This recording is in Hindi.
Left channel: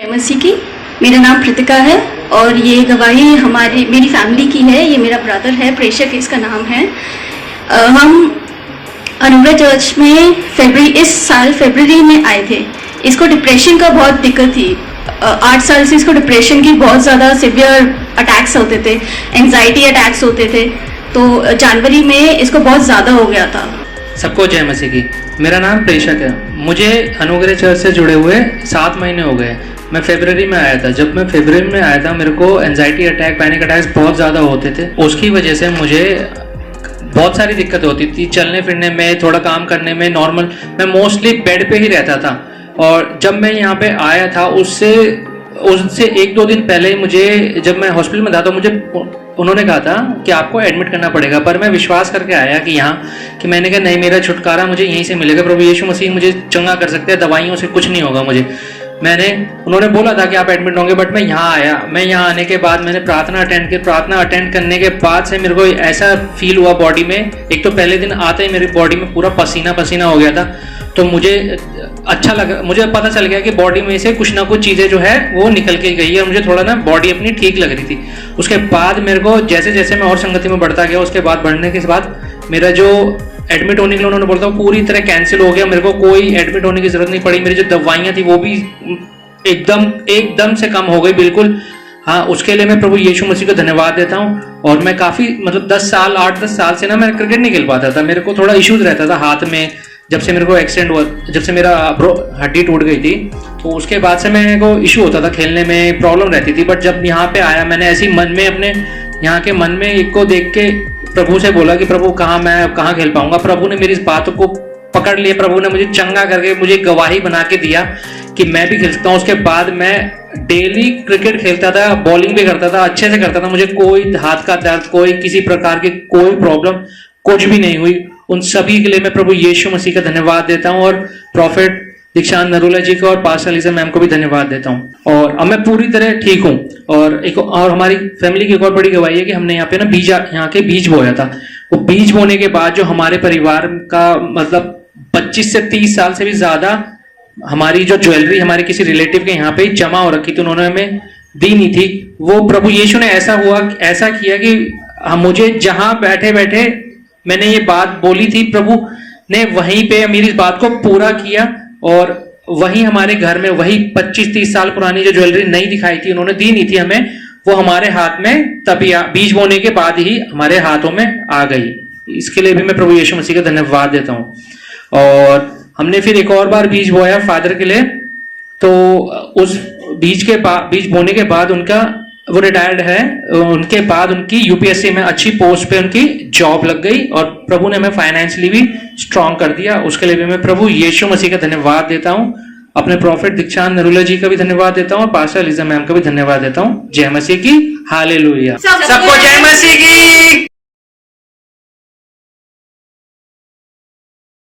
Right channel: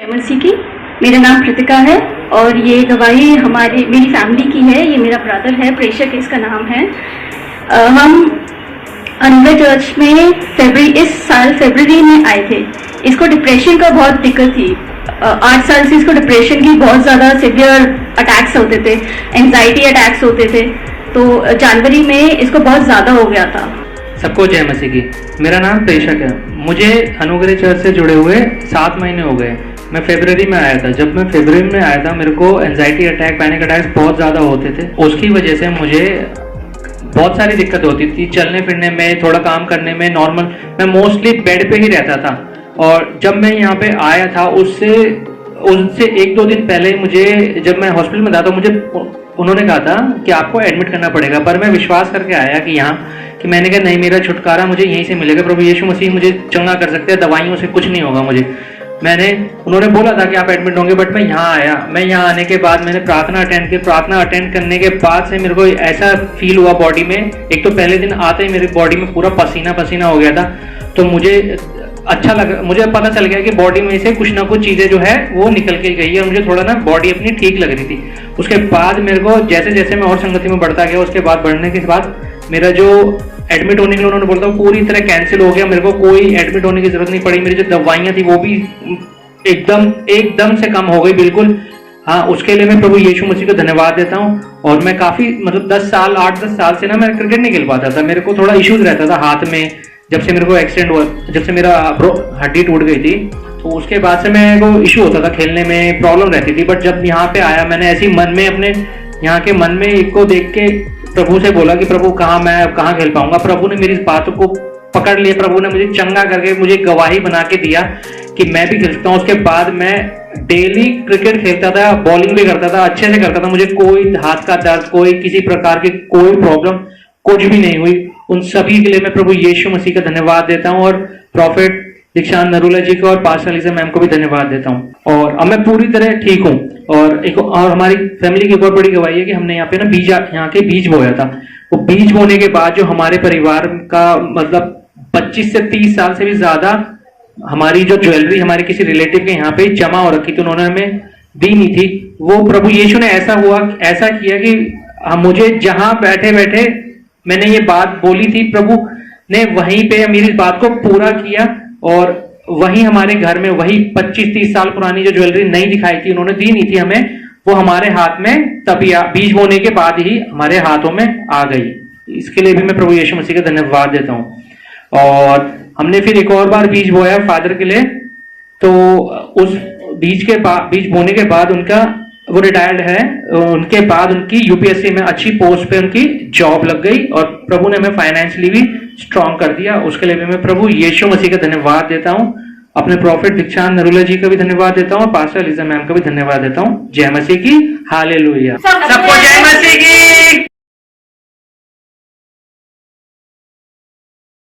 मसीह की। मेरा नाम कृतिका है और ये गवाही मेरी फैमिली की है। ये मेरा ब्रदर है, प्रेषक इसका नाम है। हम अनुग्रह चर्च में इस साल फरवरी में आए थे। इसको डिप्रेशन का बहुत दिक्कत थी। 8 साल से इसको डिप्रेशन की बहुत ज़्यादा सिवियर अटैक्स होते थे, एंजाइटी अटैक्स होते थे। तो जनवरी में इसको बहुत ज़्यादा हो गया था। सबको जय मसीह की। मेरा नाम प्रेषक है। मुझे अनुग्रह चर्च से जुड़े हुए 7 महीने हो गए। मैं फरवरी में आया था। जब मैं फरवरी में आया था मेरे को एंजाइटी अटैक, पैनिक अटैक्स बहुत ज़्यादा होते थे। उसकी वजह से मुझे बहुत सारी दिक्कत होती थी, चलने फिरने में, थोड़ा काम करने में। नॉर्मल मैं मोस्टली बेड पे ही रहता था। और जब मैं यहाँ पे आया था उससे 1-2 दिन पहले मुझे, जब मैं हॉस्पिटल में था तो मुझे उन्होंने कहा था कि आपको एडमिट करना पड़ेगा। पर मैं विश्वास करके आया कि मैंने कहा नहीं, मेरा छुटकारा मुझे यहीं से मिलेगा। प्रभु यीशु मसीह मुझे चंगा कर सकते हैं, दवाइयों से कुछ नहीं होगा मुझे। उन्होंने बोला था कि आप एडमिट होंगे, बट मैं यहाँ आया। मैं यहाँ आने के बाद मैंने प्रार्थना अटेंड की। प्रार्थना अटेंड करने के बाद से मेरे को ऐसा फील हुआ बॉडी में। एक तो पहले दिन आते ही मेरी बॉडी में पूरा पसीना पसीना हो गया था। तो मुझे अच्छा लगा, मुझे पता चल गया कि बॉडी में से कुछ ना कुछ चीज़ें जो है वो निकल के गई है और मुझे थोड़ा ना बॉडी अपनी ठीक लग रही थी। उसके बाद मेरे को जैसे जैसे मैं और संगति में बढ़ता गया, उसके बाद बढ़ने के बाद मेरा जो एडमिट होने के लिए उन्होंने बोला था पूरी तरह कैंसिल हो गया। मेरे को कोई एडमिट होने की जरूरत नहीं पड़ी। मेरी जो दवाइयाँ थी वो भी एकदम से कम हो गई, बिल्कुल। हाँ, उसके लिए मैं प्रभु यीशु मसीह को धन्यवाद देता हूँ। और मैं काफ़ी 8-10 साल से ना मैं क्रिकेट नहीं खेल पाता था। मेरे को थोड़ा इश्यूज रहता था हाथ में। जब से मेरे को एक्सीडेंट हुआ, जब से मेरा हड्डी टूट गई थी, तो उसके बाद से मेरे को इशू होता था, खेलने में प्रॉब्लम रहती थी। बट जब यहाँ पे आया, मैंने ऐसी मन में अपने यहाँ के मन में एक को देख के प्रभु से बोला कि प्रभु मैं कहाँ खेल पाऊंगा। प्रभु ने मेरी इस बात को पकड़ लिया। प्रभु ने मुझे चंगा करके मुझे गवाही बना के दिया कि मैं भी खेल सकता हूँ। उसके बाद मैं डेली क्रिकेट खेलता था, बॉलिंग भी करता था, अच्छे से करता था। मुझे कोई हाथ का दर्द, कोई किसी प्रकार की कोई प्रॉब्लम कुछ भी नहीं हुई। उन सभी के लिए मैं प्रभु यीशु मसीह का धन्यवाद देता हूँ और प्रॉफिट दीक्षांत नरूला जी को और पास्टर लीजा मैम को भी धन्यवाद देता हूँ। और अब मैं पूरी तरह ठीक हूँ। और हमारी फैमिली की एक और बड़ी गवाही है कि हमने यहाँ पे ना यहाँ के बीज बोया था। वो बीज बोने के बाद जो हमारे परिवार का मतलब 25 से 30 साल से भी ज्यादा हमारी जो ज्वेलरी हमारे किसी रिलेटिव के यहाँ पे जमा हो रखी थी, उन्होंने हमें दी नहीं थी। वो प्रभु यीशु ने ऐसा किया कि मुझे जहां बैठे बैठे मैंने ये बात बोली थी, प्रभु ने वहीं पे मेरी इस बात को पूरा किया। और वही हमारे घर में वही 25-30 साल पुरानी जो ज्वेलरी नहीं दिखाई थी, उन्होंने दी नहीं थी हमें, वो हमारे हाथ में तभी बीज बोने के बाद ही हमारे हाथों में आ गई। इसके लिए भी मैं प्रभु यीशु मसीह का धन्यवाद देता हूँ। और हमने फिर एक और बार बीज बोया फादर के लिए। तो उस बीज बोने के बाद वो रिटायर्ड है। उनके बाद उनकी यूपीएससी में अच्छी पोस्ट पे उनकी जॉब लग गई और प्रभु ने हमें फाइनेंशियली भी स्ट्रॉन्ग कर दिया। उसके लिए भी मैं प्रभु यीशु मसीह का धन्यवाद देता हूँ। अपने प्रॉफिट दीक्षांत नरूला जी का भी धन्यवाद देता हूँ, पास्टर लीजा मैम का भी धन्यवाद देता हूँ। जय मसीह की। हालेलुया। सबको जय मसीह की।